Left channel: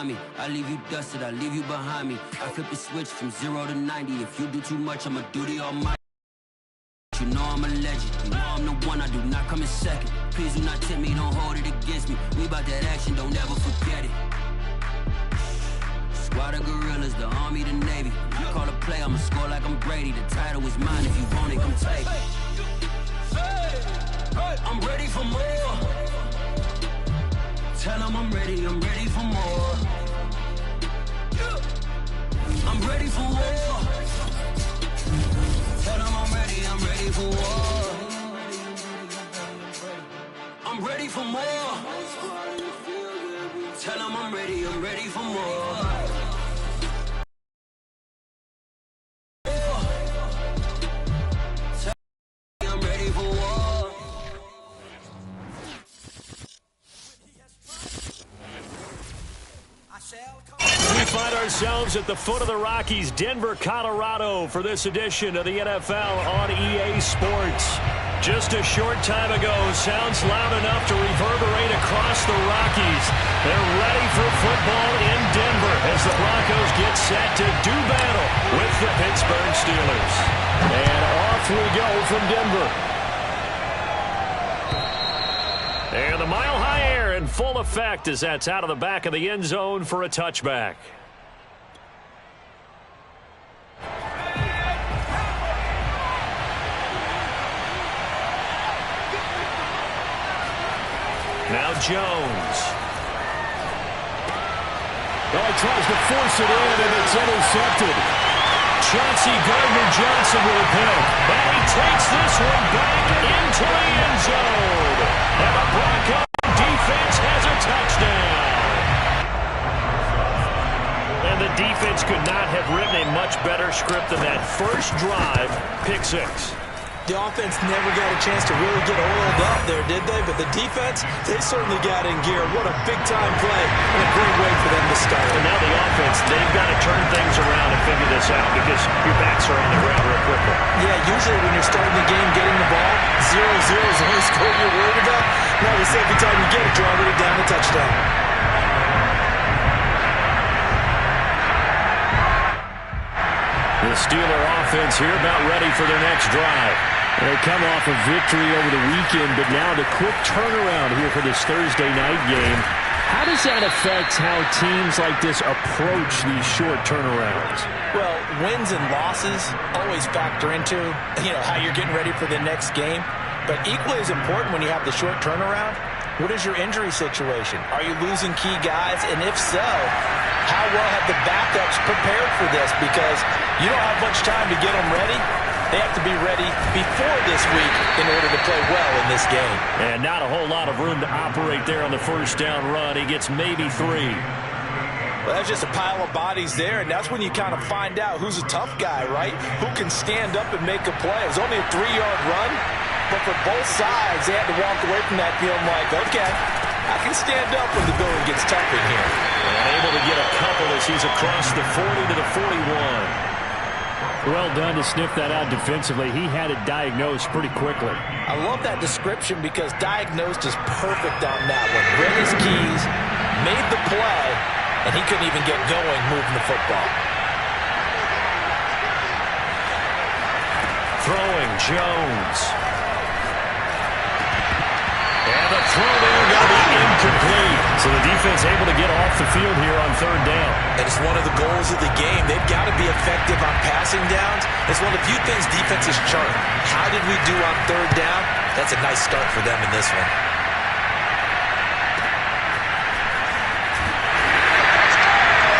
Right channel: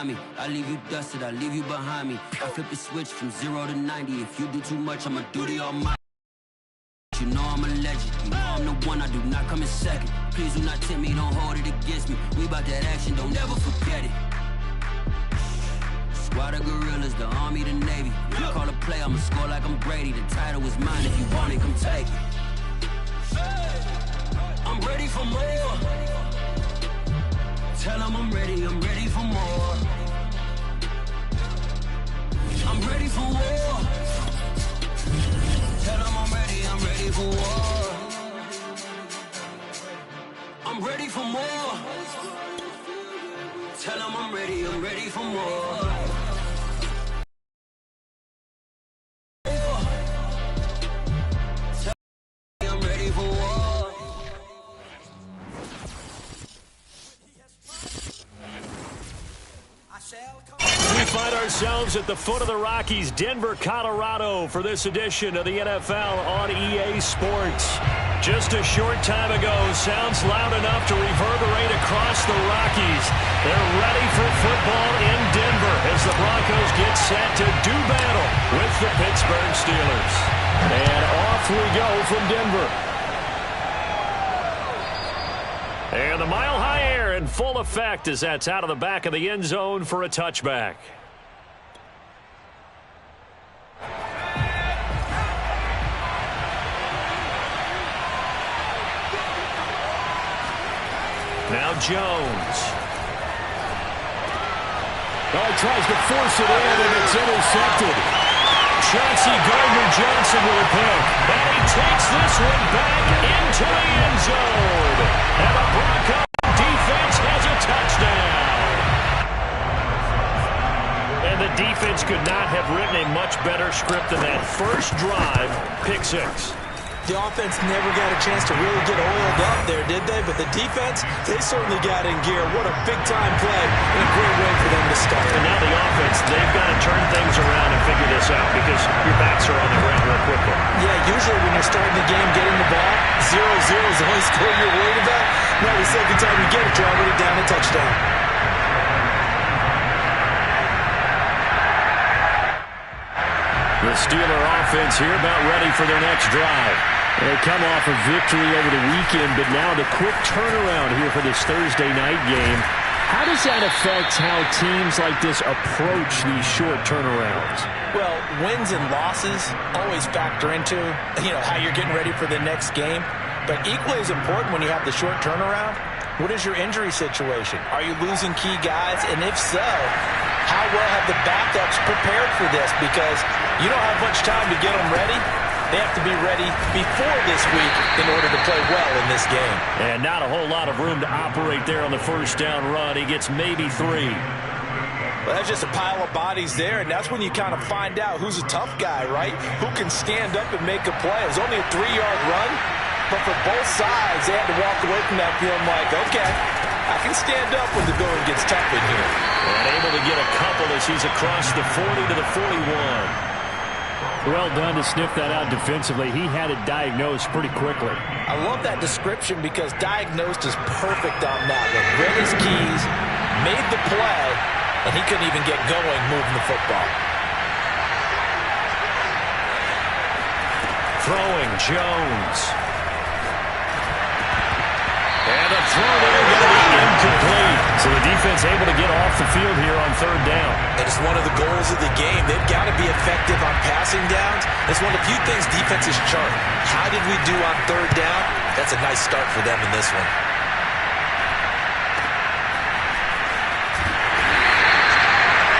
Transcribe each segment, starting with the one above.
remind me. I leave you dusted, I leave you behind me. I flip the switch from 0 to 90. If you do too much, I'ma do the almighty. You know I'm a legend, you know I'm the one, I do not come in second. Please do not tempt me, don't hold it against me. We about that action, don't ever forget it. Squad of gorillas, the army, the navy. When I call a play, I'ma score like I'm Brady. The title is mine, if you want it, come take it. I'm ready for more. Tell them I'm ready for more. I'm ready for war. Tell them I'm ready for war. I'm ready for more. Tell them I'm ready for more. I'm ready for war. We find ourselves at the foot of the Rockies, Denver, Colorado, for this edition of the NFL on EA Sports. Just a short time ago, sounds loud enough to reverberate across the Rockies. They're ready for football in Denver as the Broncos get set to do battle with the Pittsburgh Steelers. And off we go from Denver. And the mile-high air in full effect as that's out of the back of the end zone for a touchback. Now Jones. Oh, he tries to force it in, and it's intercepted. Chauncey Gardner-Johnson with a pick. And he takes this one back into the end zone. And the Broncos defense has a touchdown. And the defense could not have written a much better script than that first drive, pick six. The offense never got a chance to really get oiled up there, did they? But the defense, they certainly got in gear. What a big-time play and a great way for them to start. And now the offense, they've got to turn things around and figure this out because your backs are on the ground real quickly. Yeah, usually when you're starting the game, getting the ball, 0-0 is the only score you're worried about. Now the second time you get it, you're already down a touchdown. The Steeler offense here about ready for their next drive. They come off a victory over the weekend, but now the quick turnaround here for this Thursday night game. How does that affect how teams like this approach these short turnarounds? Well, wins and losses always factor into, how you're getting ready for the next game. But equally as important when you have the short turnaround, what is your injury situation? Are you losing key guys? And if so, how well have the backups prepared for this? Because you don't have much time to get them ready. They have to be ready before this week in order to play well in this game. And not a whole lot of room to operate there on the first down run. He gets maybe 3. Well, that's just a pile of bodies there, and that's when you kind of find out who's a tough guy, right? Who can stand up and make a play. It was only a 3-yard run, but for both sides, they had to walk away from that feeling like, okay, I can stand up when the going gets tough in here. And able to get a couple as he's across the 40 to the 41. Well done to sniff that out defensively. He had it diagnosed pretty quickly. I love that description because diagnosed is perfect on that one. Read his keys, made the play, and he couldn't even get going moving the football. Throwing Jones. And the throw there going to be incomplete. So the defense able to get off the field here on third down. And it's one of the goals of the game. They've got to be effective on passing downs. It's one of the few things defenses chart. How did we do on third down? That's a nice start for them in this one.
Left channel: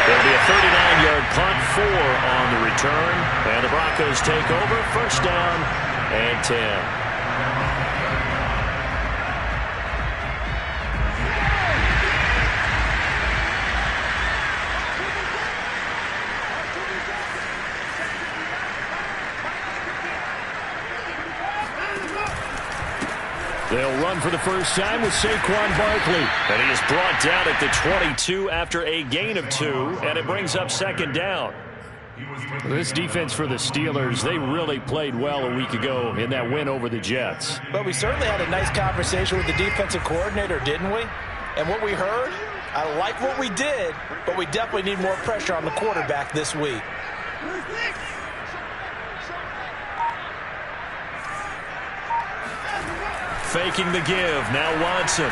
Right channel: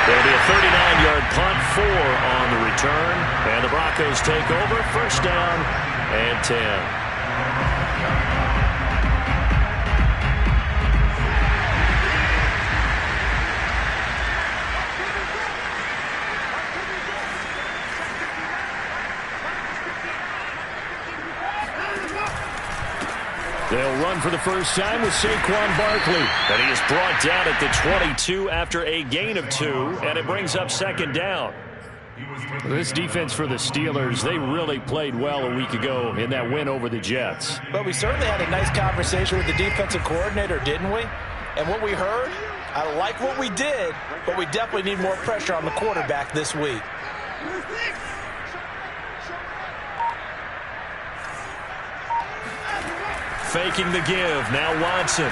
There'll be a 39-yard punt, 4 on the return. And the Broncos take over, first down and 10. They'll run for the first time with Saquon Barkley. And he is brought down at the 22 after a gain of 2, and it brings up second down. This defense for the Steelers, they really played well a week ago in that win over the Jets. But we certainly had a nice conversation with the defensive coordinator, didn't we? And what we heard, I like what we did, but we definitely need more pressure on the quarterback this week. Faking the give. Now Watson.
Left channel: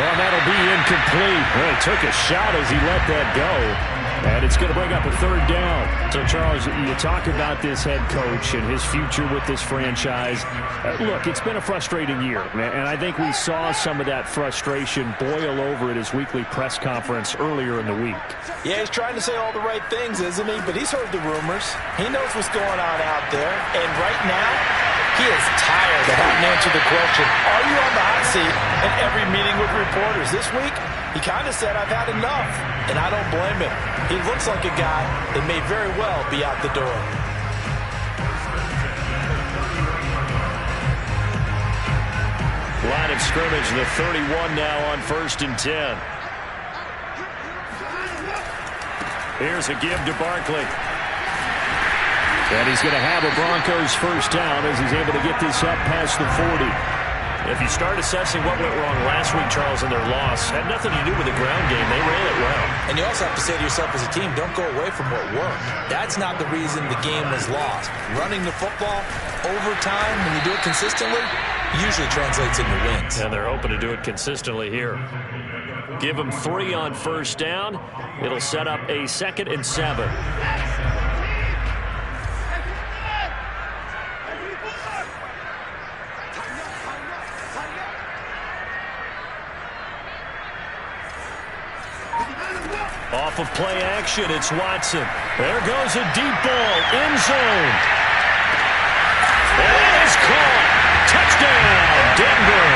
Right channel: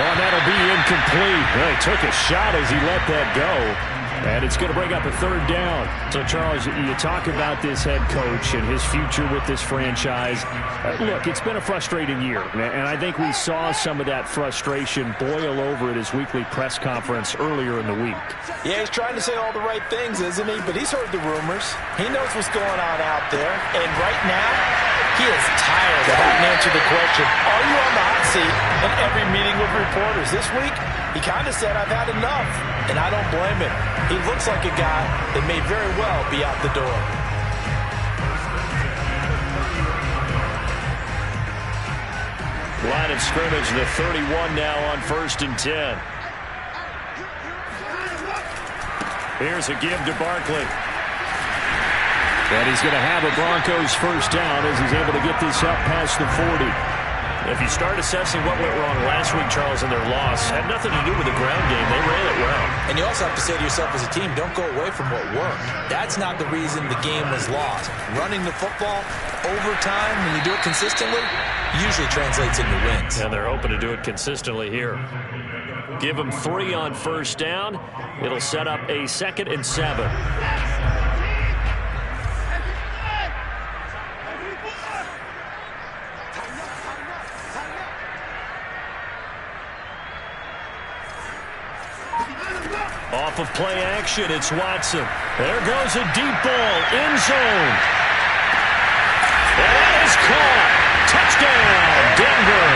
Oh, that'll be incomplete. Well, he took a shot as he let that go. And it's going to bring up a third down. So, Charles, you talk about this head coach and his future with this franchise. Look, it's been a frustrating year, and I think we saw some of that frustration boil over at his weekly press conference earlier in the week. Yeah, he's trying to say all the right things, isn't he? But he's heard the rumors. He knows what's going on out there. And right now, he is tired of having to answer the question, are you on the hot seat in every meeting with reporters? This week, he kind of said, I've had enough, and I don't blame him. He looks like a guy that may very well be out the door. Line of scrimmage, the 31 now on 1st and 10. Here's a give to Barkley. And he's going to have a Broncos first down as he's able to get this up past the 40. If you start assessing what went wrong last week, Charles, in their loss, had nothing to do with the ground game. They ran it well. And you also have to say to yourself as a team, don't go away from what worked. That's not the reason the game was lost. Running the football over time, when you do it consistently, usually translates into wins. And they're hoping to do it consistently here. Give them 3 on first down. It'll set up a 2nd and 7. Off of play action, it's Watson. There goes a deep ball, end zone. And that is caught. Touchdown, Denver.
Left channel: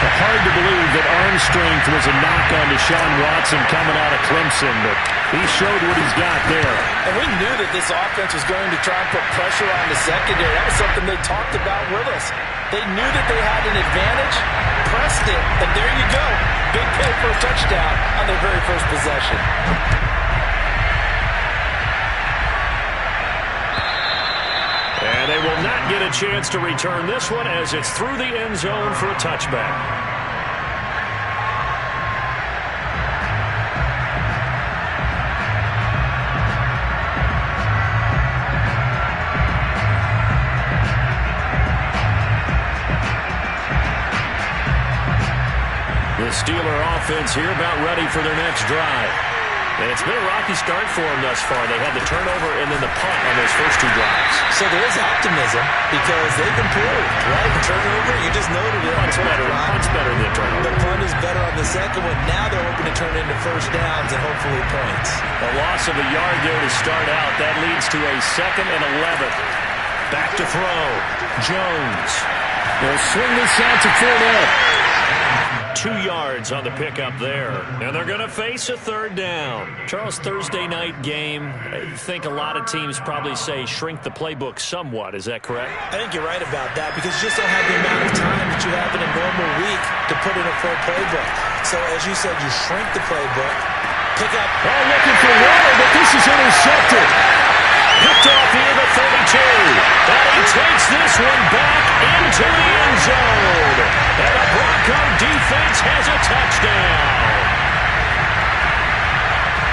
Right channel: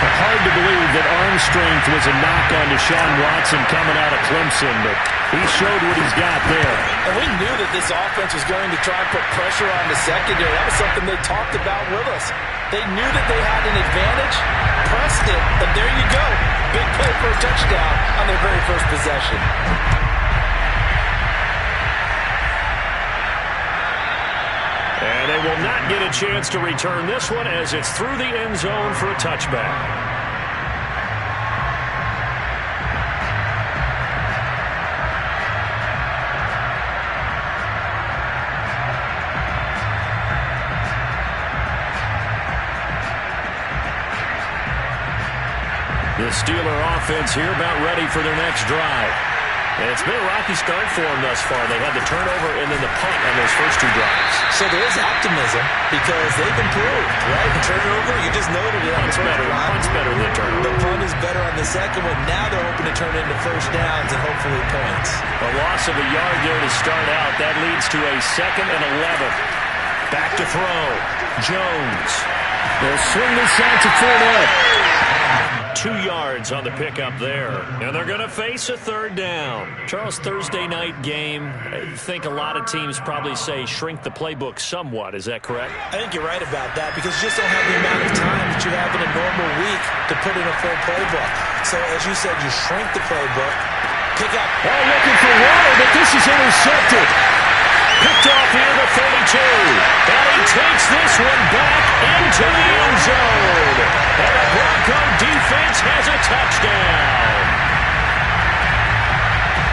Hard to believe that arm strength was a knock on Deshaun Watson coming out of Clemson, but he showed what he's got there. And we knew that this offense was going to try and put pressure on the secondary. That was something they talked about with us. They knew that they had an advantage, pressed it, and there you go. Big play for a touchdown on their very first possession. And they will not get a chance to return this one as it's through the end zone for a touchback. The Steeler offense here about ready for their next drive. And it's been a rocky start for them thus far. They had the turnover and then the punt on those first 2 drives. So there is optimism because they've improved, right? The turnover, you just noted it. Punt's better than the turnover. The punt is better on the second one. Now they're hoping to turn into first downs and hopefully points. A loss of a yard there to start out. That leads to a 2nd and 11. Back to throw. Jones. They'll swing this out to Fournette. 2 yards on the pickup there. And they're going to face a 3rd down. Charles, Thursday night game. I think a lot of teams probably say shrink the playbook somewhat. Is that correct? I think you're right about that because you just don't have the amount of time that you have in a normal week to put in a full playbook. So, as you said, you shrink the playbook. Pick up. Oh, looking for water, but this is intercepted. Picked off here to 32. And he takes this one back into the end zone. And the Bronco defense has a touchdown.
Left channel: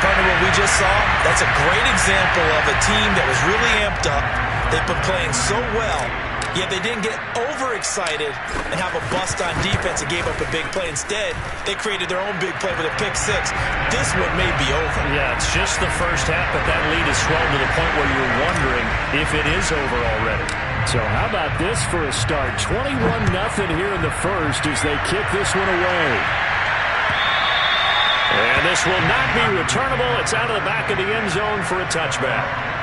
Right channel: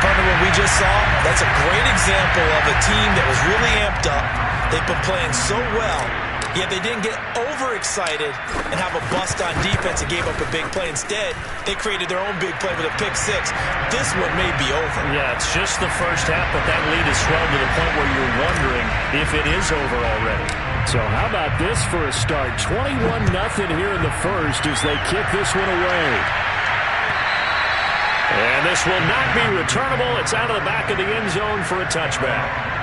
Partner, what we just saw, that's a great example of a team that was really amped up. They've been playing so well, yet they didn't get overexcited and have a bust on defense and gave up a big play. Instead, they created their own big play with a pick 6. This one may be over. Yeah, it's just the first half, but that lead has swelled to the point where you're wondering if it is over already. So how about this for a start? 21-0 here in the first as they kick this one away. And this will not be returnable. It's out of the back of the end zone for a touchback.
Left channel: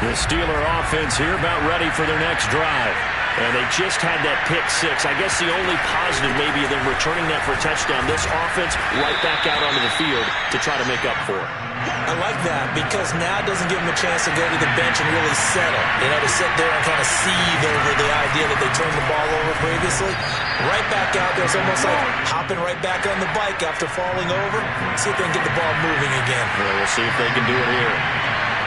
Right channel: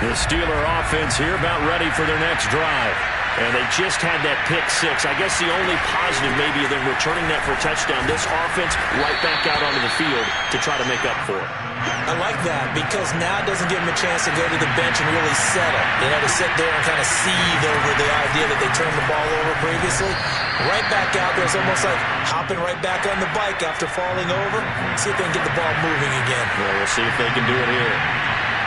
The Steeler offense here about ready for their next drive. And they just had that pick six. I guess the only positive maybe of them returning that for a touchdown. This offense right back out onto the field to try to make up for it. I like that because now it doesn't give them a chance to go to the bench and really settle. To sit there and kind of seethe over the idea that they turned the ball over previously. Right back out there. It's almost like hopping right back on the bike after falling over. See if they can get the ball moving again. Yeah, we'll see if they can do it here.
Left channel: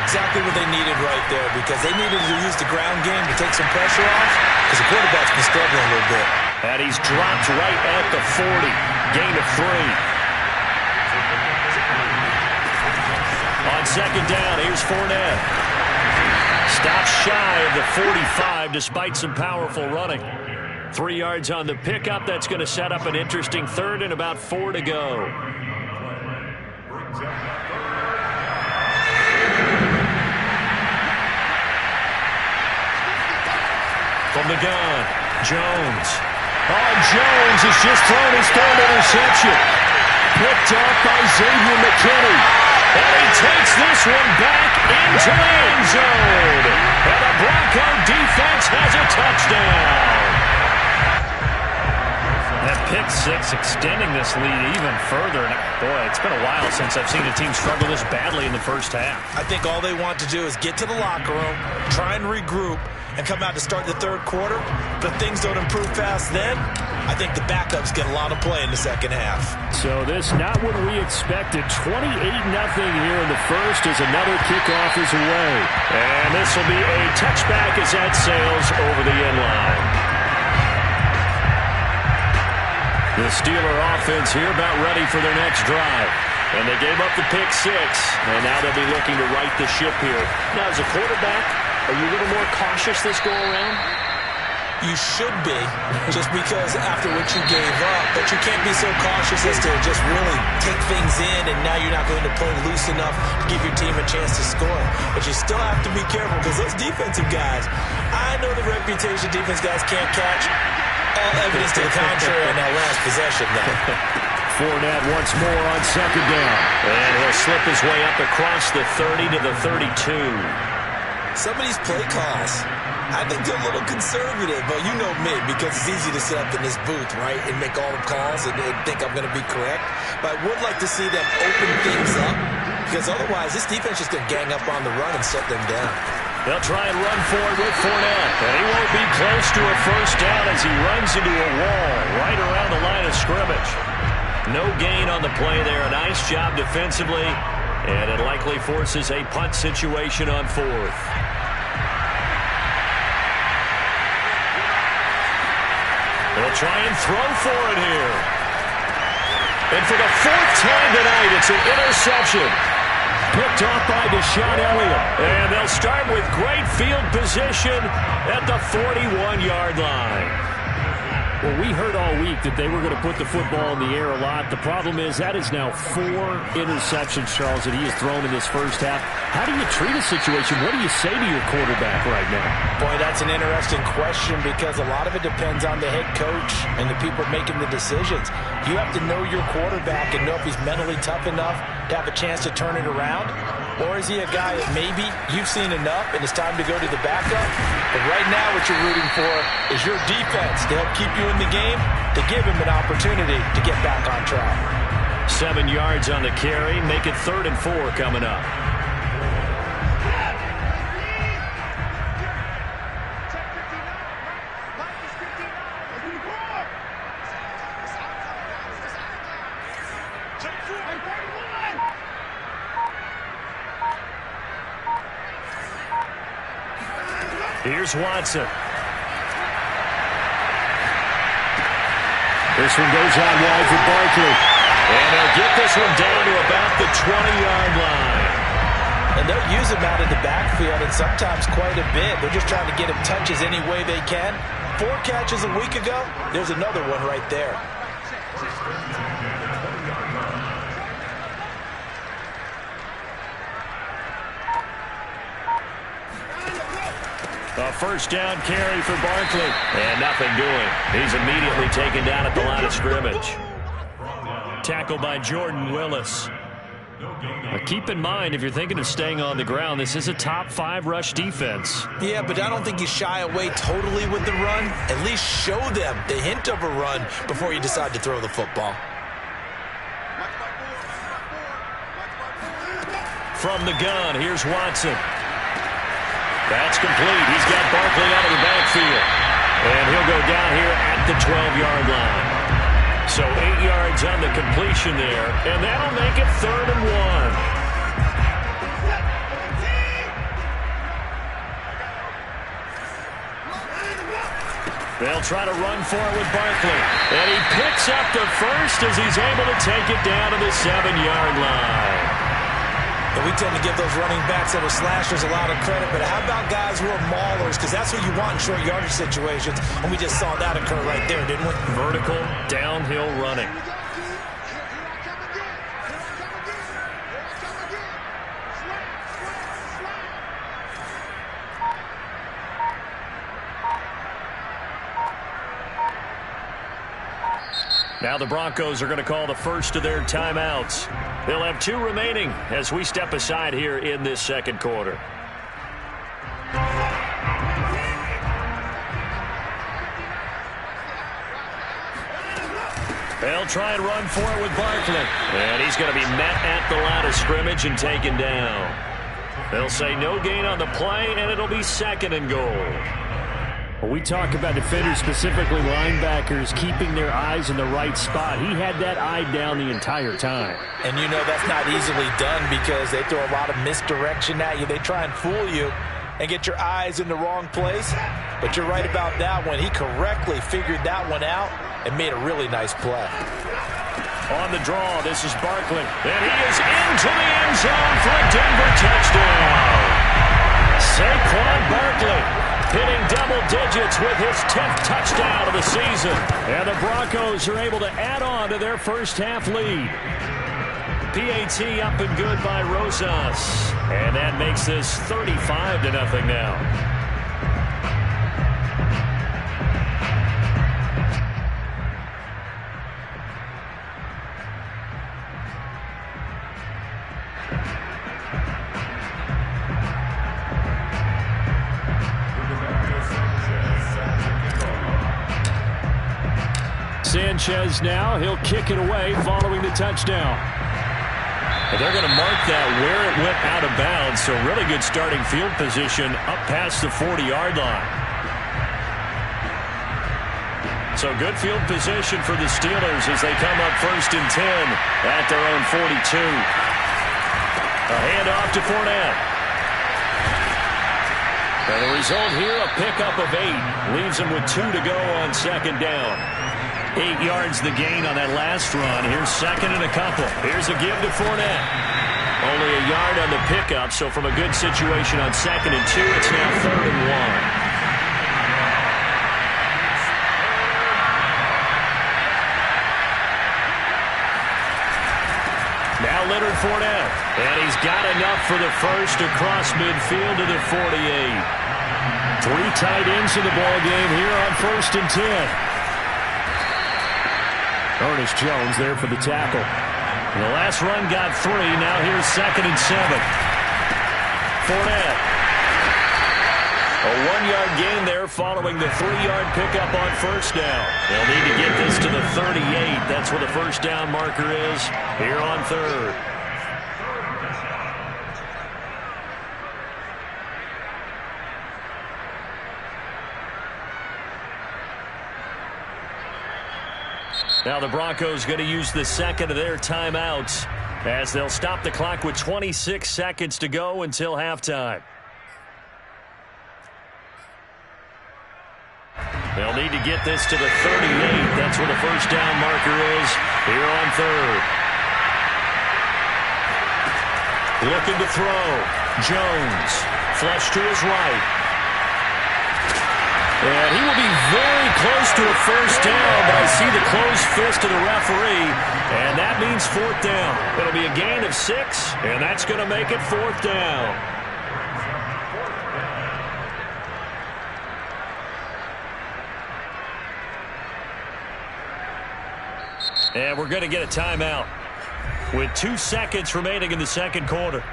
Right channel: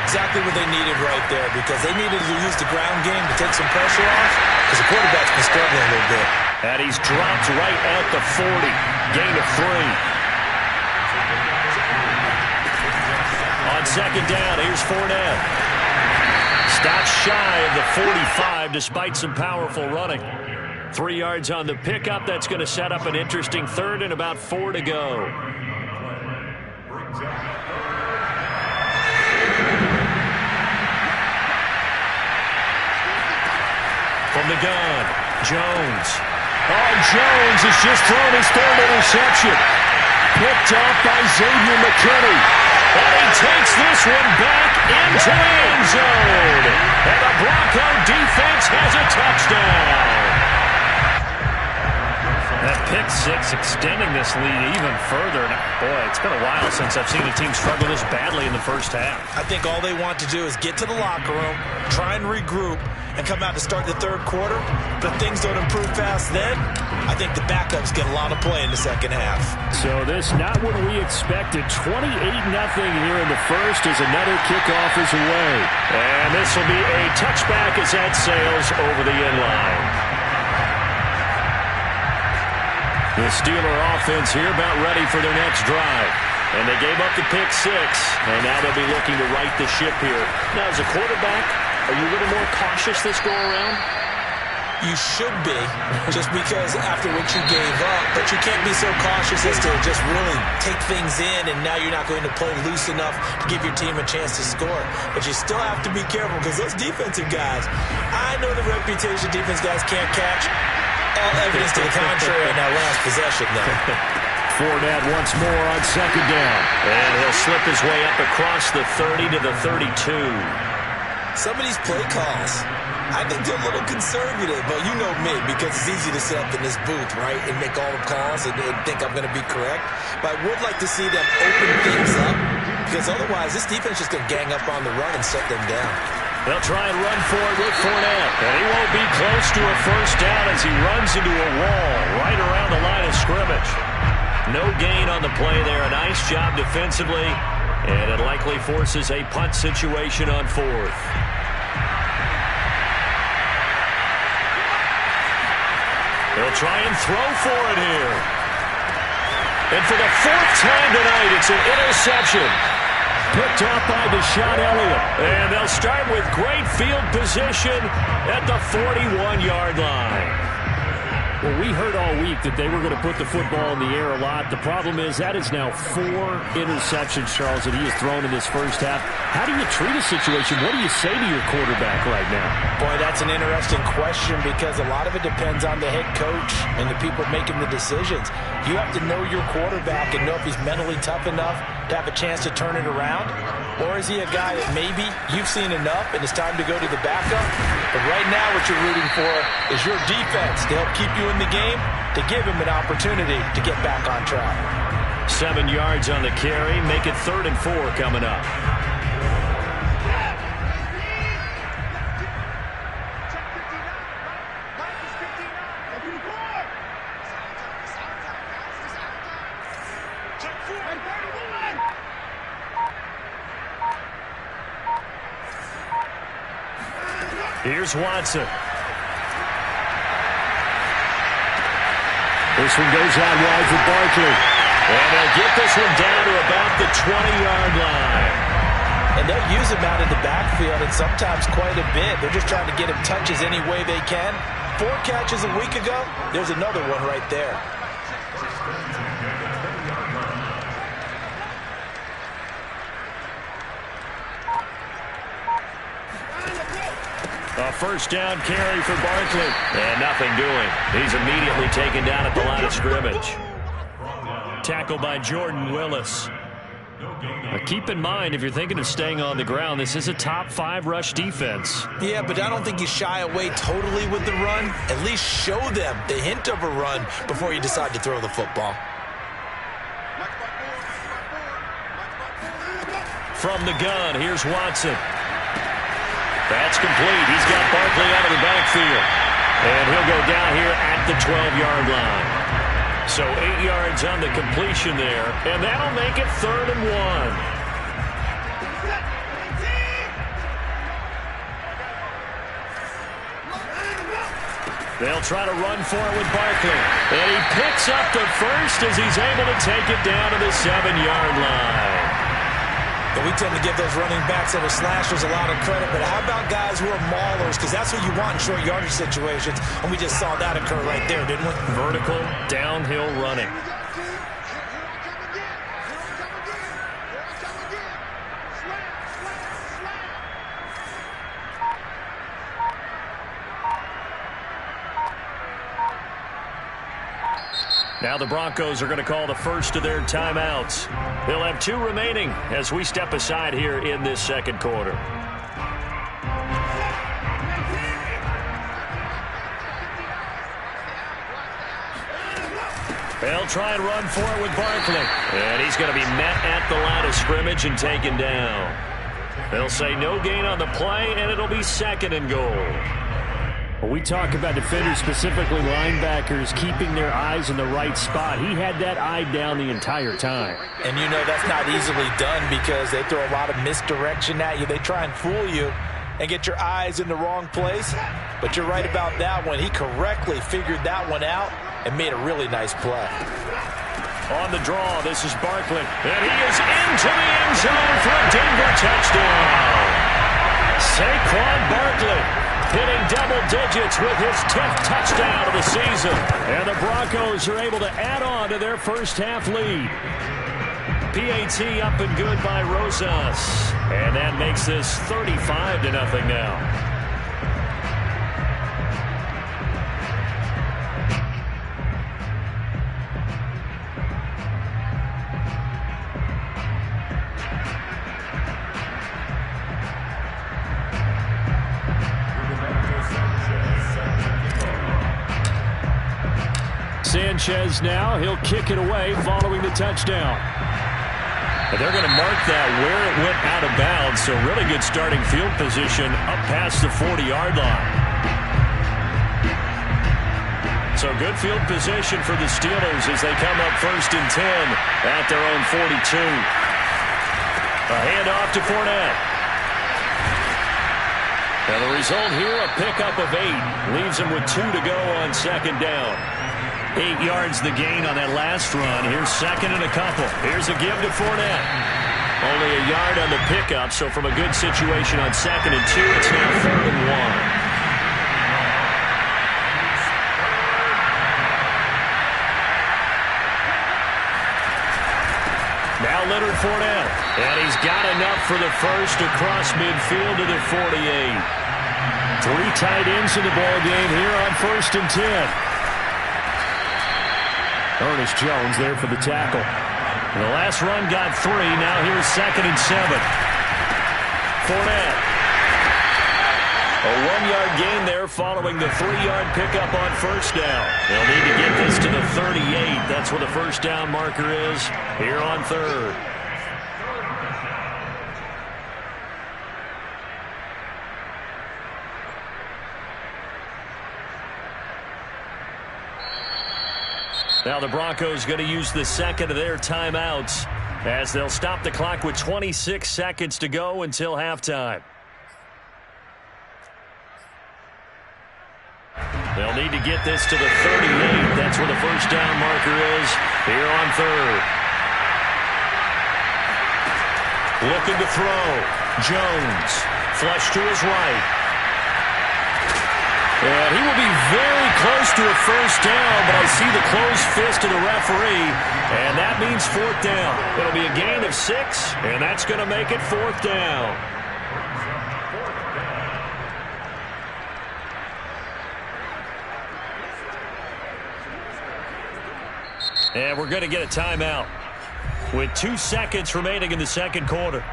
Exactly what they needed right there because they needed to use the ground game to take some pressure off because the quarterback's been struggling a little bit. And he's dropped right at the 40. Gain of 3. On second down, here's Fournette. Stops shy of the 45 despite some powerful running. 3 yards on the pickup. That's going to set up an interesting third and about 4 to go. From the gun, Jones. Oh, Jones has just thrown his third interception. Picked off by Xavier McKinney. And he takes this one back into the end zone. And the Bronco defense has a touchdown. That pick six extending this lead even further. And boy, it's been a while since I've seen a team struggle this badly in the first half. I think all they want to do is get to the locker room, try and regroup, and come out to start the third quarter. But if things don't improve fast then, I think the backups get a lot of play in the second half. So this not what we expected. 28-0 here in the first as another kickoff is away. And this will be a touchback as that sails over the end line. The Steeler offense here about ready for their next drive. And they gave up the pick six, and now they'll be looking to right the ship here. Now, as a quarterback, are you a little more cautious this go-around? You should be, just because after what you gave up. But you can't be so cautious as to just really take things in, and now you're not going to play loose enough to give your team a chance to score. But you still have to be careful because those defensive guys, I know the reputation defense guys can't catch. All evidence to the contrary in that last possession, though. Fournette once more on second down. And he'll slip his way up across the 30 to the 32. Some of these play calls, I think they're a little conservative, but you know me, because it's easy to sit up in this booth, right, and make all the calls and think I'm going to be correct. But I would like to see them open things up, because otherwise this defense is going to gang up on the run and shut them down. They'll try and run for it with Fournette. And he won't be close to a first down as he runs into a wall right around the line of scrimmage. No gain on the play there. A nice job defensively. And it likely forces a punt situation on fourth. They'll try and throw for it here. And for the fourth time tonight, it's an interception. Picked off by Deshaun Elliott. And they'll start with great field position at the 41-yard line. Well, we heard all week that they were going to put the football in the air a lot. The problem is that is now 4 interceptions, Charles, that he has thrown in this first half. How do you treat a situation? What do you say to your quarterback right now? Boy, that's an interesting question because a lot of it depends on the head coach and the people making the decisions. You have to know your quarterback and know if he's mentally tough enough to have a chance to turn it around. Or is he a guy that maybe you've seen enough and it's time to go to the backup? But right now what you're rooting for is your defense to help keep you in the game, to give him an opportunity to get back on track. 7 yards on the carry. Make it 3rd and 4 coming up. Here's Watson. This one goes out wide for Barkley. And they'll get this one down to about the 20-yard line. And they'll use him out in the backfield, and sometimes quite a bit. They're just trying to get him touches any way they can. 4 catches a week ago. There's another one right there. A first down carry for Barkley. And nothing doing. He's immediately taken down at the line of scrimmage. Tackled by Jordan Willis. Now keep in mind, if you're thinking of staying on the ground, this is a top 5 rush defense. Yeah, but I don't think you shy away totally with the run. At least show them the hint of a run before you decide to throw the football. From the gun, here's Watson. That's complete. He's got Barkley out of the backfield. And he'll go down here at the 12-yard line. So 8 yards on the completion there, and that'll make it 3rd and 1. They'll try to run for it with Barkley. And he picks up the first as he's able to take it down to the 7-yard line. And we tend to give those running backs that are slashers a lot of credit, but how about guys who are maulers? Because that's what you want in short yardage situations, and we just saw that occur right there, didn't we? Vertical, downhill running. Now the Broncos are going to call the first of their timeouts. They'll have 2 remaining as we step aside here in this second quarter. They'll try and run for it with Barkley. And he's going to be met at the line of scrimmage and taken down. They'll say no gain on the play, and it'll be 2nd and goal. When we talk about defenders, specifically linebackers, keeping their eyes in the right spot, he had that eye down the entire time. And you know that's not easily done because they throw a lot of misdirection at you. They try and fool you and get your eyes in the wrong place. But you're right about that one. He correctly figured that one out and made a really nice play. On the draw, this is Barkley. And he is into the end zone for a Denver touchdown. Saquon Barkley hitting double digits with his 10th touchdown of the season. And the Broncos are able to add on to their first half lead. PAT up and good by Rosas. And that makes this 35-0 now. Sanchez now, he'll kick it away following the touchdown. And they're going to mark that where it went out of bounds, so really good starting field position up past the 40-yard line. So good field position for the Steelers as they come up 1st and 10 at their own 42. A handoff to Fournette. And the result here, a pickup of 8. Leaves him with 2 to go on 2nd down. 8 yards the gain on that last run. Here's 2nd and a couple. Here's a give to Fournette. Only a yard on the pickup, so from a good situation on 2nd and 2, it's now 3rd and 1. Now Leonard Fournette. And he's got enough for the first across midfield to the 48. 3 tight ends in the ball game here on 1st and 10. Ernest Jones there for the tackle. And the last run got 3. Now here's 2nd and 7. Fournette. A 1-yard gain there following the 3-yard pickup on 1st down. They'll need to get this to the 38. That's where the 1st down marker is here on 3rd. Now the Broncos going to use the 2nd of their timeouts as they'll stop the clock with 26 seconds to go until halftime. They'll need to get this to the 38. That's where the 1st down marker is here on 3rd. Looking to throw. Jones. Flush to his right. And he will be very close to a 1st down, but I see the closed fist of the referee, and that means 4th down. It'll be a gain of 6, and that's going to make it 4th down. And we're going to get a timeout. with 2 seconds remaining in the second quarter.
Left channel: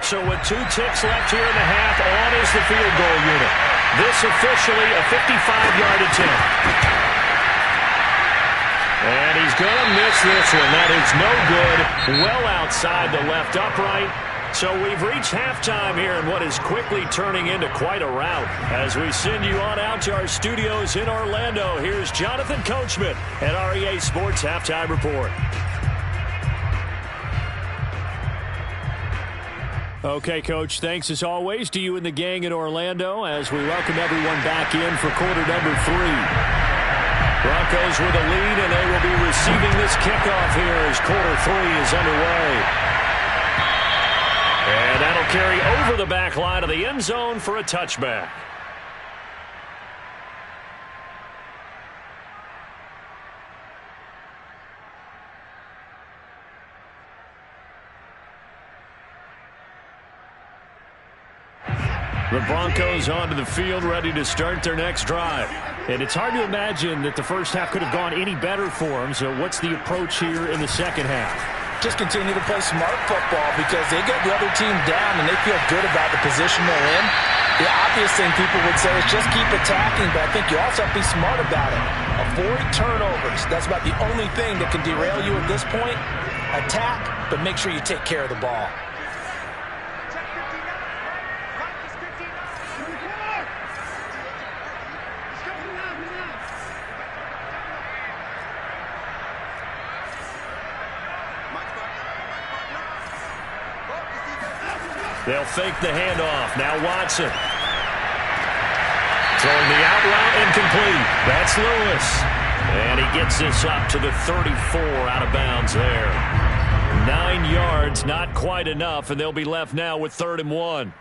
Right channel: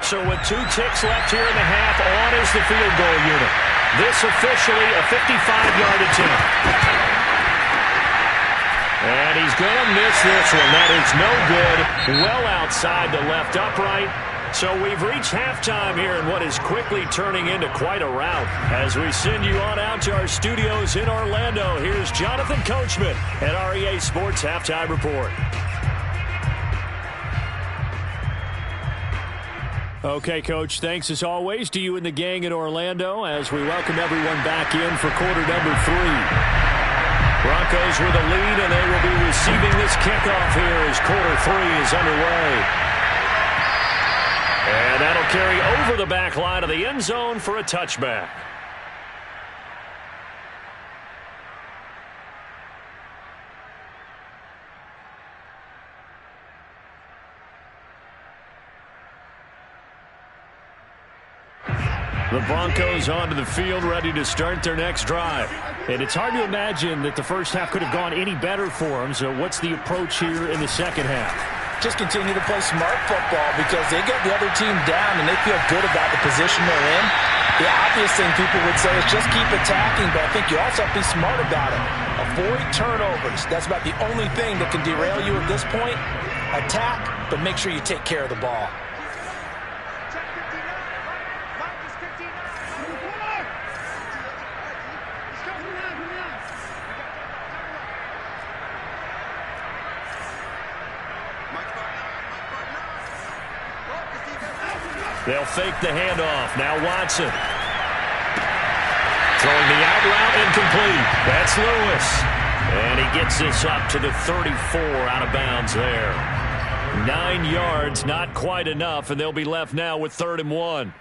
So with 2 ticks left here in the half, on is the field goal unit. This officially a 55-yard attempt. And he's going to miss this one. That is no good. Well outside the left upright. So we've reached halftime here in what is quickly turning into quite a rout. As we send you on out to our studios in Orlando, here's Jonathan Coachman at our EA Sports Halftime Report. Okay, Coach, thanks as always to you and the gang in Orlando as we welcome everyone back in for quarter number 3. Broncos with a lead, and they will be receiving this kickoff here as quarter 3 is underway. And that'll carry over the back line of the end zone for a touchback. The Broncos onto the field, ready to start their next drive. And it's hard to imagine that the first half could have gone any better for them. So what's the approach here in the second half? Just continue to play smart football because they get the other team down and they feel good about the position they're in. The obvious thing people would say is just keep attacking, but I think you also have to be smart about it. Avoid turnovers. That's about the only thing that can derail you at this point. Attack, but make sure you take care of the ball. They'll fake the handoff. Now Watson. Throwing the out route incomplete. That's Lewis. And he gets this up to the 34 out of bounds there. 9 yards, not quite enough, and they'll be left now with 3rd and 1.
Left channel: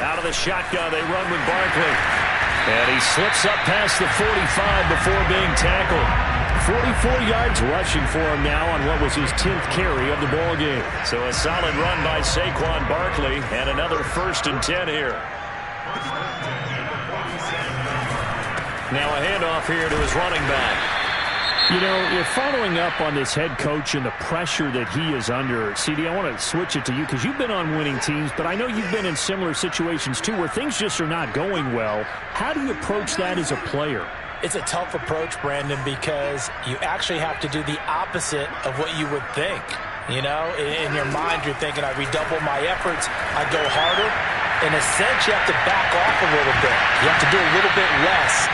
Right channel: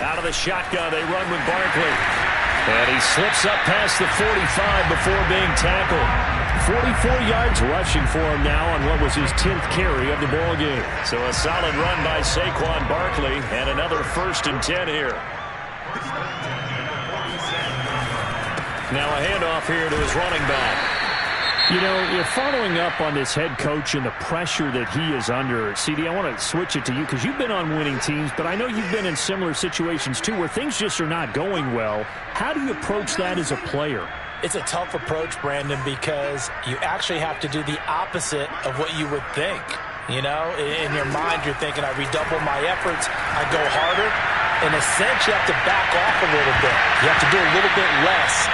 Out of the shotgun, they run with Barkley. And he slips up past the 45 before being tackled. 44 yards rushing for him now on what was his 10th carry of the ball game. So a solid run by Saquon Barkley and another 1st and 10 here. Now a handoff here to his running back. You know, you're following up on this head coach and the pressure that he is under. CD, I want to switch it to you because you've been on winning teams, but I know you've been in similar situations too where things just are not going well. How do you approach that as a player? It's a tough approach, Brandon, because you actually have to do the opposite of what you would think. You know, in your mind, you're thinking, I redouble my efforts, I go harder. In a sense, you have to back off a little bit. You have to do a little bit less.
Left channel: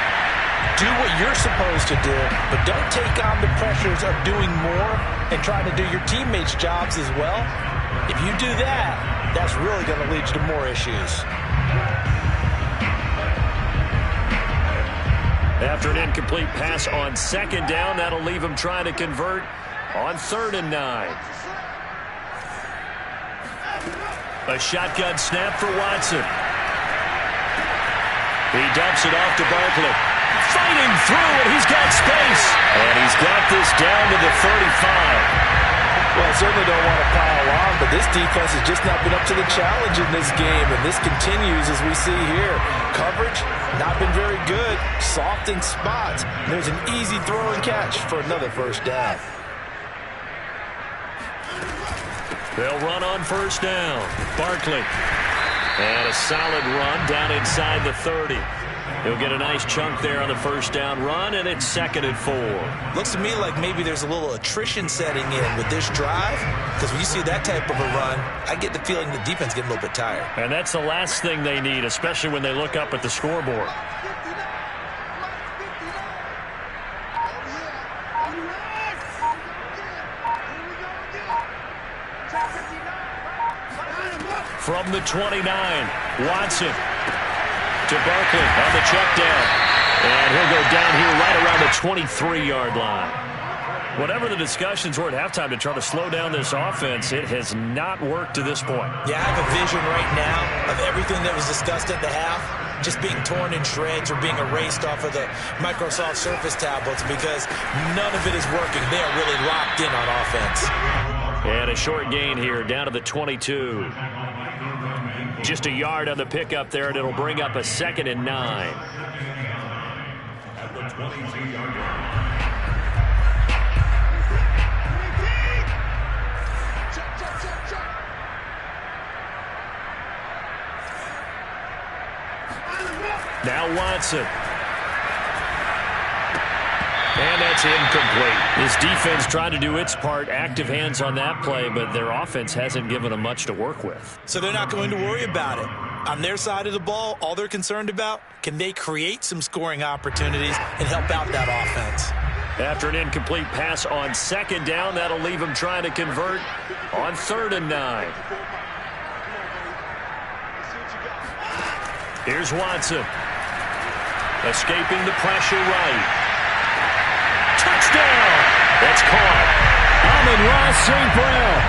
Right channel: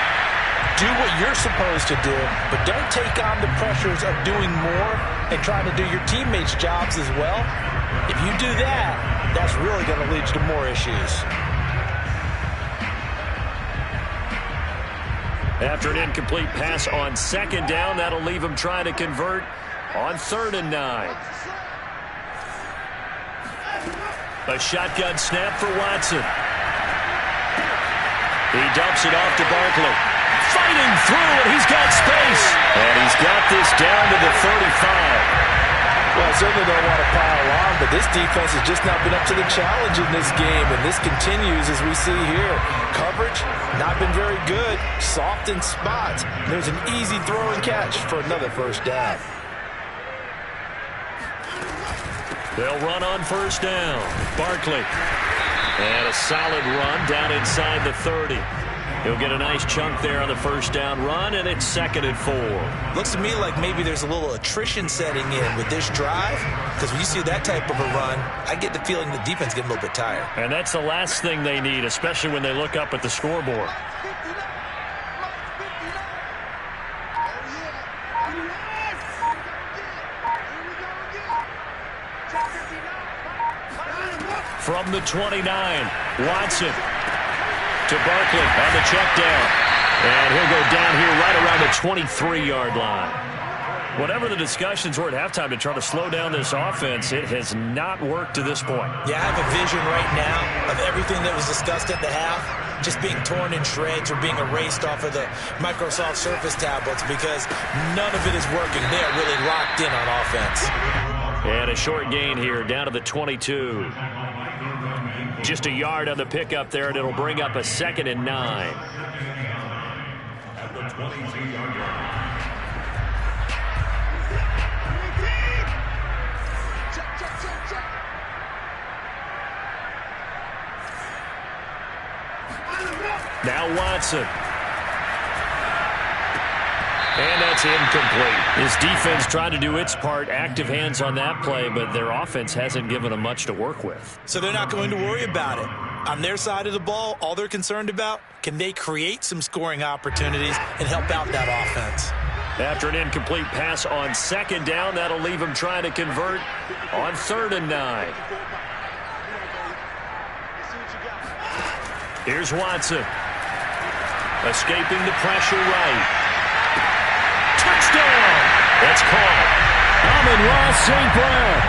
Do what you're supposed to do, but don't take on the pressures of doing more and trying to do your teammates' jobs as well. If you do that, that's really going to lead you to more issues. After an incomplete pass on 2nd down, that'll leave him trying to convert on 3rd and 9. A shotgun snap for Watson. He dumps it off to Barkley. Fighting through, and he's got space. And he's got this down to the 35. Well, I certainly don't want to pile on, but this defense has just not been up to the challenge in this game, and this continues as we see here. Coverage, not been very good. Soft in spots. There's an easy throw and catch for another 1st down. They'll run on 1st down. Barkley. And a solid run down inside the 30. He'll get a nice chunk there on the 1st down run, and it's 2nd and 4. Looks to me like maybe there's a little attrition setting in with this drive, because when you see that type of a run, I get the feeling the defense getting a little bit tired. And that's the last thing they need, especially when they look up at the scoreboard. From the 29, Watson to Barkley on the check down. And he'll go down here right around the 23-yard line. Whatever the discussions were at halftime to try to slow down this offense, it has not worked to this point. Yeah, I have a vision right now of everything that was discussed at the half just being torn in shreds or being erased off of the Microsoft Surface tablets because none of it is working. They are really locked in on offense. And a short gain here down to the 22. Just a yard on the pickup there, and it'll bring up a 2nd and 9. At the 22-yard line. Now Watson. And that's incomplete. His defense tried to do its part, active hands on that play, but their offense hasn't given them much to work with. So they're not going to worry about it. On their side of the ball, all they're concerned about, can they create some scoring opportunities and help out that offense? After an incomplete pass on 2nd down, that'll leave them trying to convert on 3rd and 9. Here's Watson. Escaping the pressure right. Touchdown! That's caught. Amon-Ra St. Brown.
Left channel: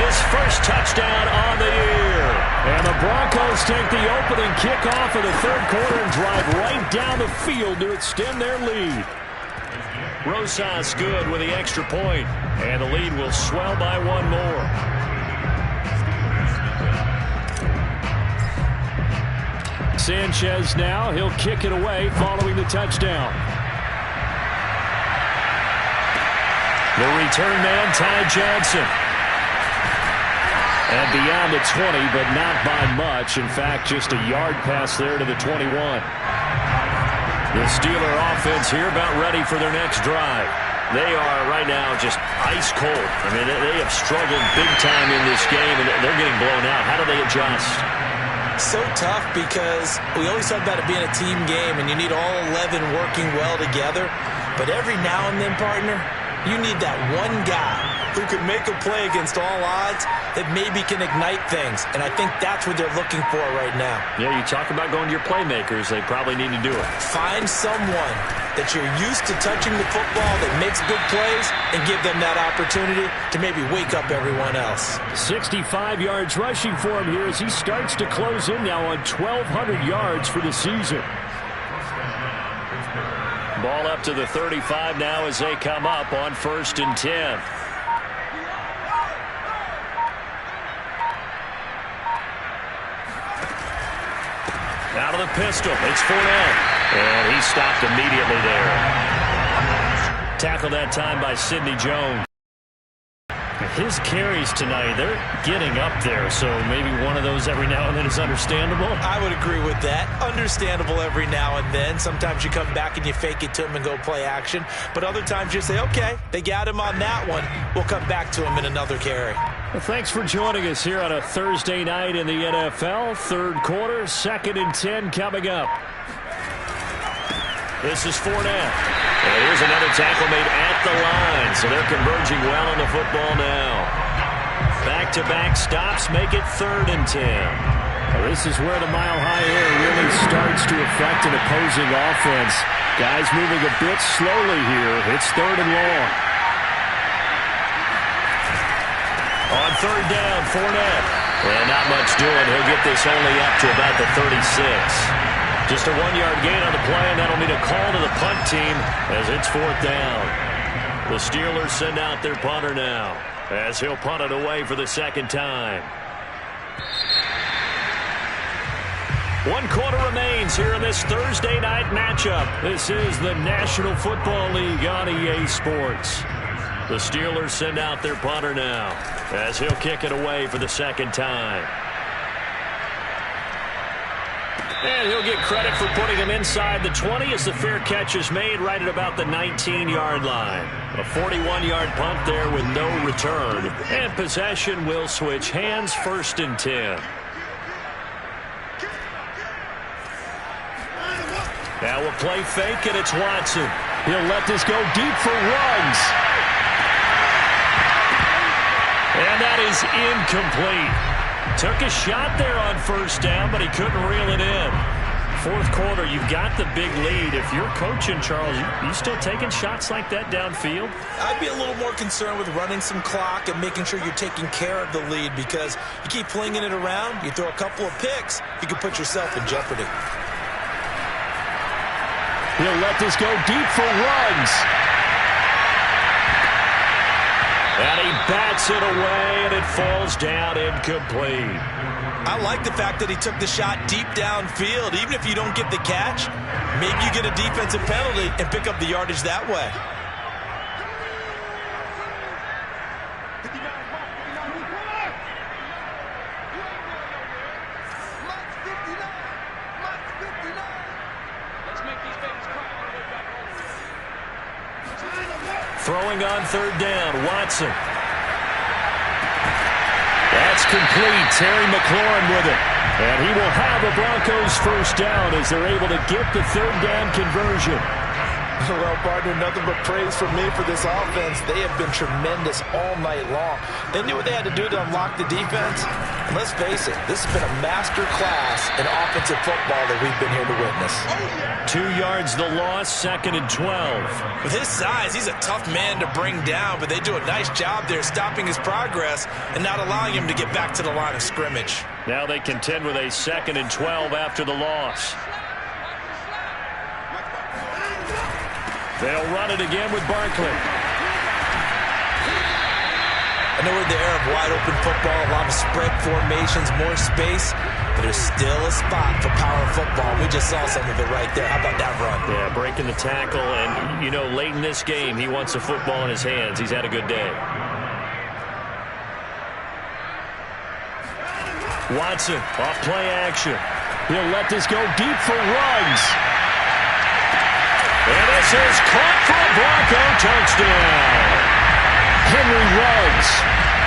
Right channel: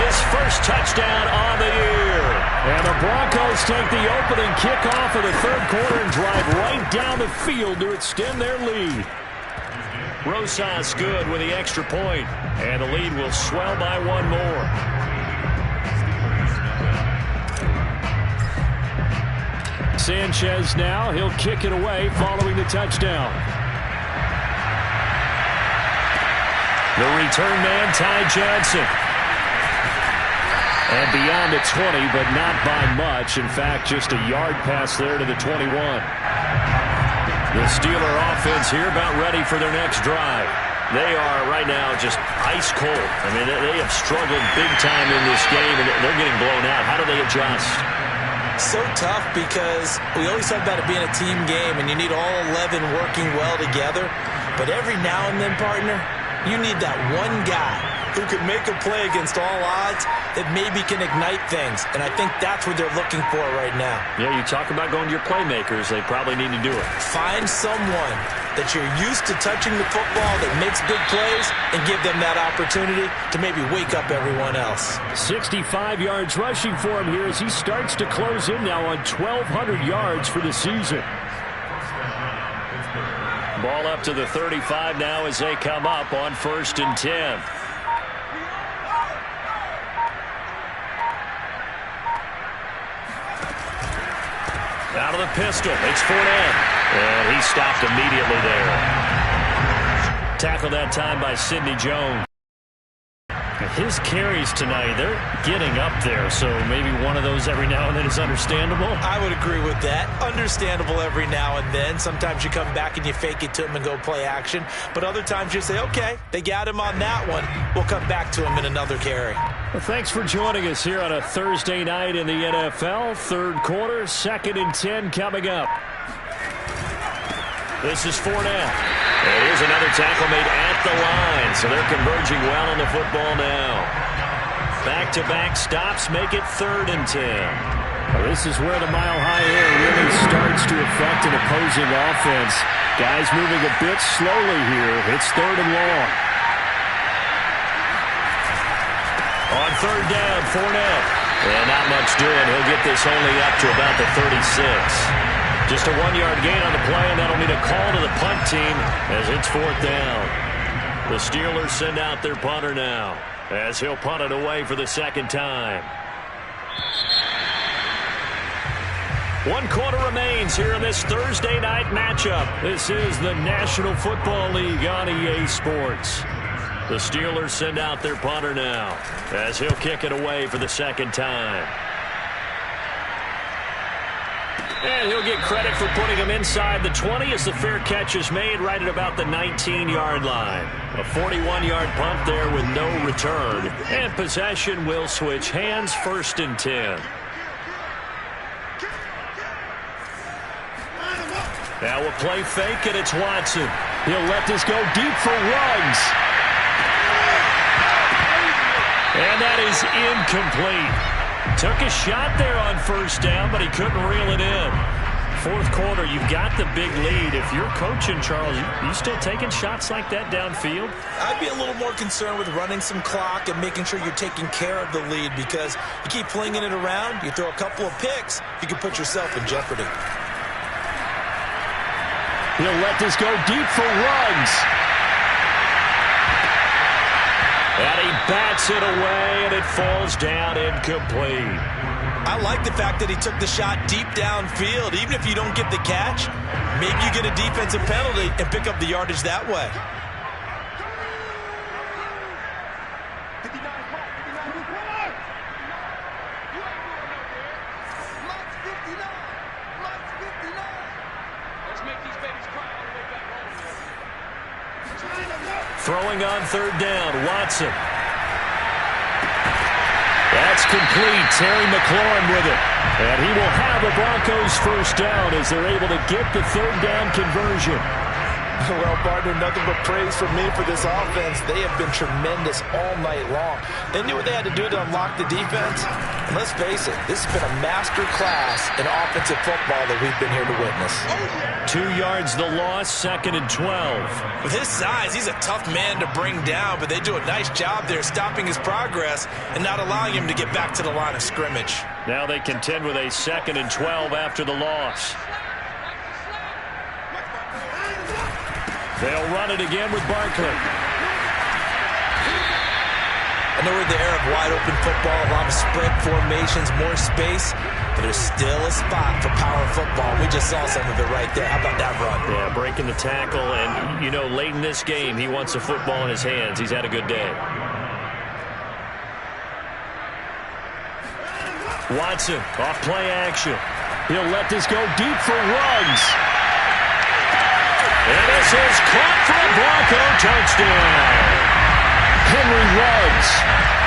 His first touchdown on the year. And the Broncos take the opening kickoff of the 3rd quarter and drive right down the field to extend their lead. Rosas good with the extra point, and the lead will swell by 1 more. Sanchez now, he'll kick it away following the touchdown. The return man, Ty Johnson. And beyond the 20, but not by much. In fact, just a yard pass there to the 21. The Steeler offense here about ready for their next drive. They are right now just ice cold. I mean, they have struggled big time in this game, and they're getting blown out. How do they adjust? So tough because we always talk about it being a team game, and you need all 11 working well together. But every now and then, partner, you need that one guy who can make a play against all odds that maybe can ignite things. And I think that's what they're looking for right now. Yeah, you talk about going to your playmakers. They probably need to do it. Find someone that you're used to touching the football that makes big plays and give them that opportunity to maybe wake up everyone else. 65 yards rushing for him here as he starts to close in now on 1,200 yards for the season. Ball up to the 35 now as they come up on 1st and 10. Out of the pistol, it's Fournette. And he stopped immediately there. Tackled that time by Sidney Jones. His carries tonight, they're getting up there, so maybe one of those every now and then is understandable. I would agree with that. Understandable every now and then. Sometimes you come back and you fake it to him and go play action. But other times you say, okay, they got him on that one. We'll come back to him in another carry. Well, thanks for joining us here on a Thursday night in the NFL. 3rd quarter, 2nd and 10 coming up. This is Fournette. And here's another tackle made at the line. So they're converging well on the football now. Back-to-back stops make it 3rd and 10. Well, this is where the mile-high air really starts to affect an opposing offense. Guys moving a bit slowly here. It's 3rd and long. On 3rd down, Fournette. And not much doing. He'll get this only up to about the 36. Just a 1-yard gain on the play, and that'll mean a call to the punt team as it's 4th down. The Steelers send out their punter now as he'll punt it away for the 2nd time. 1 quarter remains here in this Thursday night matchup. This is the National Football League on EA Sports. The Steelers send out their punter now as he'll kick it away for the 2nd time. And he'll get credit for putting him inside the 20 as the fair catch is made right at about the 19-yard line. A 41-yard punt there with no return. And possession will switch hands, 1st and 10. Now a play fake, and it's Watson. He'll let this go deep for runs. And that is incomplete. Took a shot there on 1st down, but he couldn't reel it in. 4th quarter, you've got the big lead. If you're coaching, Charles, you still taking shots like that downfield? I'd be a little more concerned with running some clock and making sure you're taking care of the lead, because you keep flinging it around, you throw a couple of picks, you can put yourself in jeopardy. He'll let this go deep for runs. And he bats it away, and it falls down incomplete. I like the fact that he took the shot deep downfield. Even if you don't get the catch, maybe you get a defensive penalty and pick up the yardage that way. Throwing on third down, Watson. That's complete. Terry McLaurin with it. And he will have the Broncos first down as they're able to get the third down conversion. Well, partner, nothing but praise from me for this offense. They have been tremendous all night long. They knew what they had to do to unlock the defense. And let's face it, this has been a master class in offensive football that we've been here to witness. 2 yards the loss, 2nd and 12. With his size, he's a tough man to bring down, but they do a nice job there stopping his progress and not allowing him to get back to the line of scrimmage. Now they contend with a 2nd and 12 after the loss. They'll run it again with Barkley. I know we're in the era of wide-open football, a lot of spread formations, more space, but there's still a spot for power football. We just saw some of it right there. How about that run? Yeah, breaking the tackle, and, you know, late in this game, he wants the football in his hands. He's had a good day. Watson, off play action. He'll let this go deep for Ruggs. And this is caught for a Bronco touchdown. Henry Ruggs,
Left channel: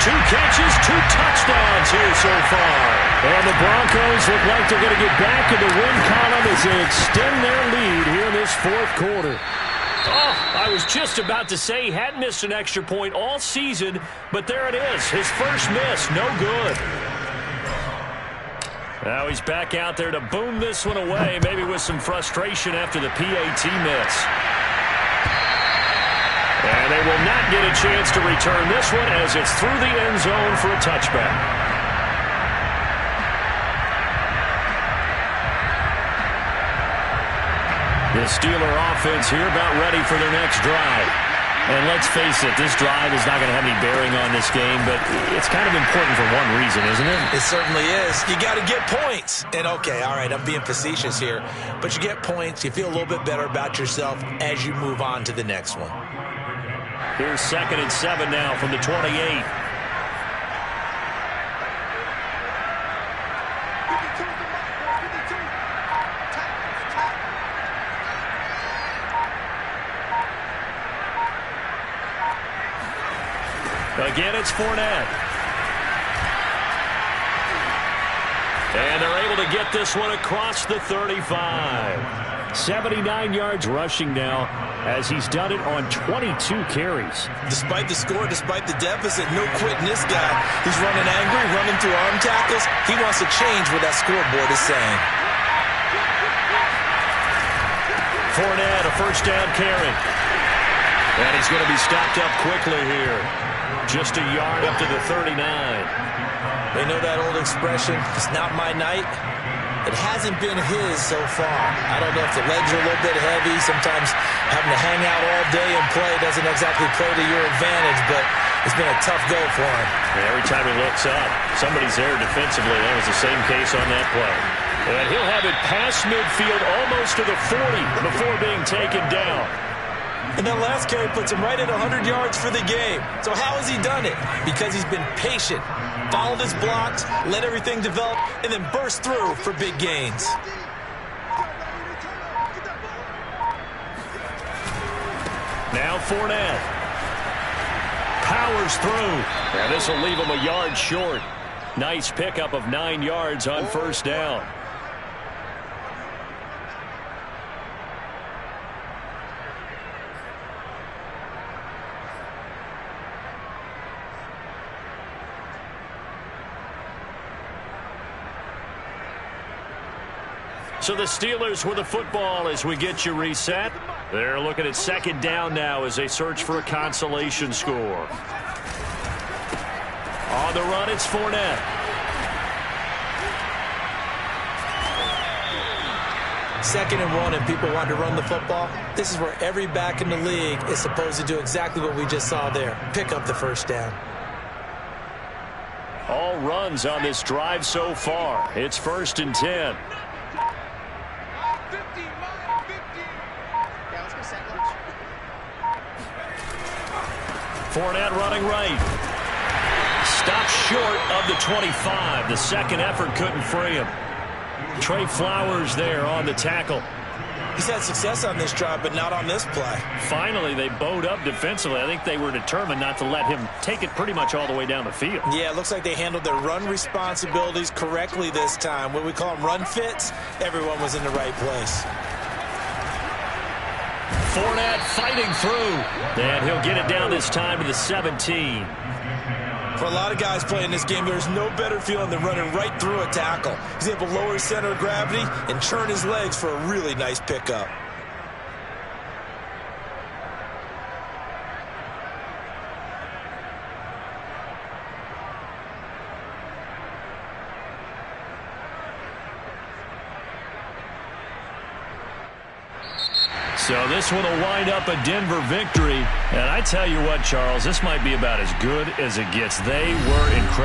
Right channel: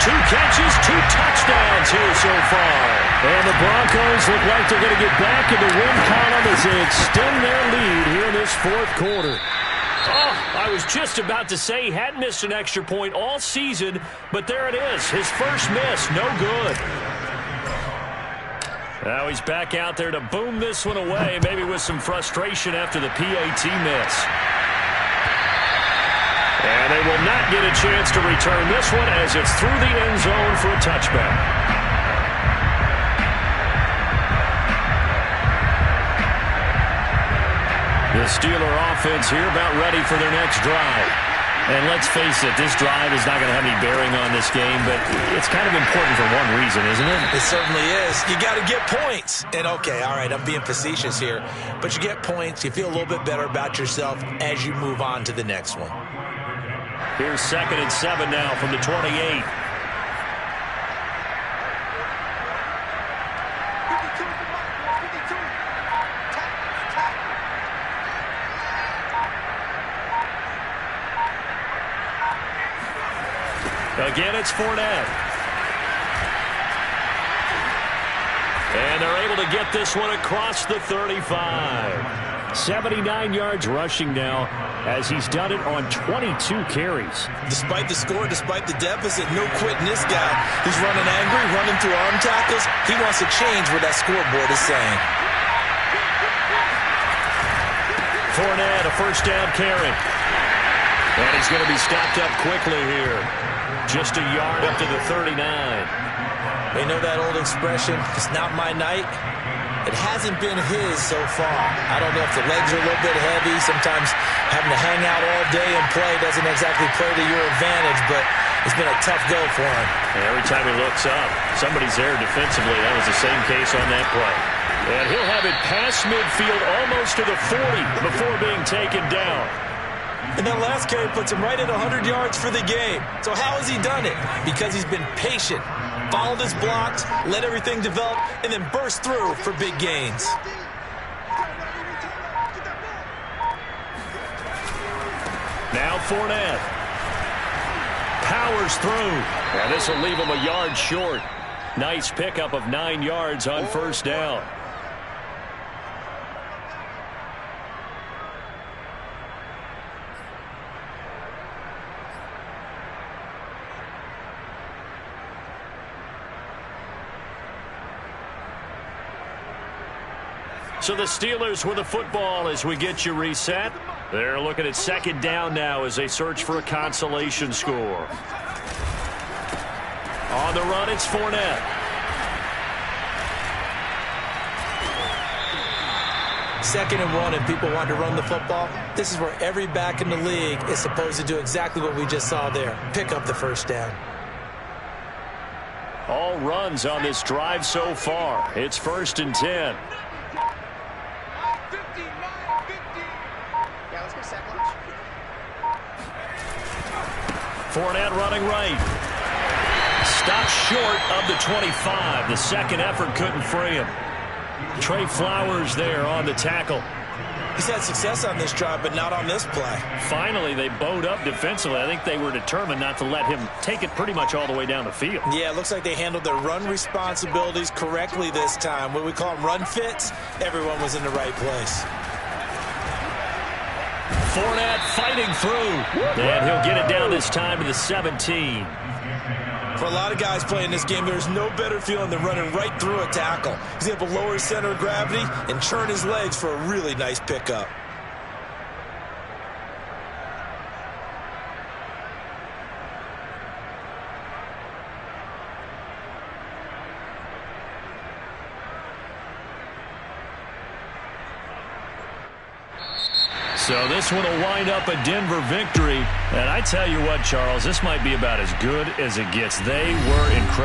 2 catches, 2 touchdowns here so far. And the Broncos look like they're going to get back in the win column as they extend their lead here in this 4th quarter. Oh, I was just about to say he hadn't missed an extra point all season, but there it is. His first miss, no good. Now he's back out there to boom this one away, maybe with some frustration after the PAT miss. And they will not get a chance to return this one as it's through the end zone for a touchback. The Steeler offense here about ready for their next drive. And let's face it, this drive is not going to have any bearing on this game, but it's kind of important for one reason, isn't it? It certainly is. You got to get points. And, okay, all right, I'm being facetious here, but you get points, you feel a little bit better about yourself as you move on to the next one. Here's 2nd and 7 now from the 28. Again, it's Fournette. And they're able to get this one across the 35. 79 yards rushing now as he's done it on 22 carries. Despite the score, despite the deficit, no quitting this guy. He's running angry, running through arm tackles. He wants to change what that scoreboard is saying. Fournette, a first down carry. And he's going to be stopped up quickly here. Just a yard up to the 39. They know that old expression, it's not my night. It hasn't been his so far. I don't know if the legs are a little bit heavy. Sometimes having to hang out all day and play doesn't exactly play to your advantage, but it's been a tough go for him. And every time he looks up, somebody's there defensively. That was the same case on that play. And he'll have it past midfield almost to the 40 before being taken down. And that last carry puts him right at 100 yards for the game. So how has he done it? Because he's been patient, followed his blocks, let everything develop, and then burst through for big gains. Now Fournette powers through. And this will leave him a yard short. Nice pickup of 9 yards on first down. So the Steelers with the football as we get you reset. They're looking at 2nd down now as they search for a consolation score. On the run, it's Fournette. 2nd and 1 and people want to run the football, this is where every back in the league is supposed to do exactly what we just saw there, pick up the first down. All runs on this drive so far. It's 1st and 10. Yeah, let's get a sack lunch. Fournette running right. Stopped short of the 25. The second effort couldn't free him. Trey Flowers there on the tackle. He's had success on this drive, but not on this play. Finally, they bowed up defensively. I think they were determined not to let him take it pretty much all the way down the field. Yeah, it looks like they handled their run responsibilities correctly this time. What we call them run fits, everyone was in the right place. Fournette fighting through. And he'll get it down this time to the 17. For a lot of guys playing this game, there's no better feeling than running right through a tackle. He's able to lower his center of gravity and turn his legs for a really nice pickup. So this one will wind up a Denver victory. And I tell you what, Charles, this might be about as good as it gets. They were incredible.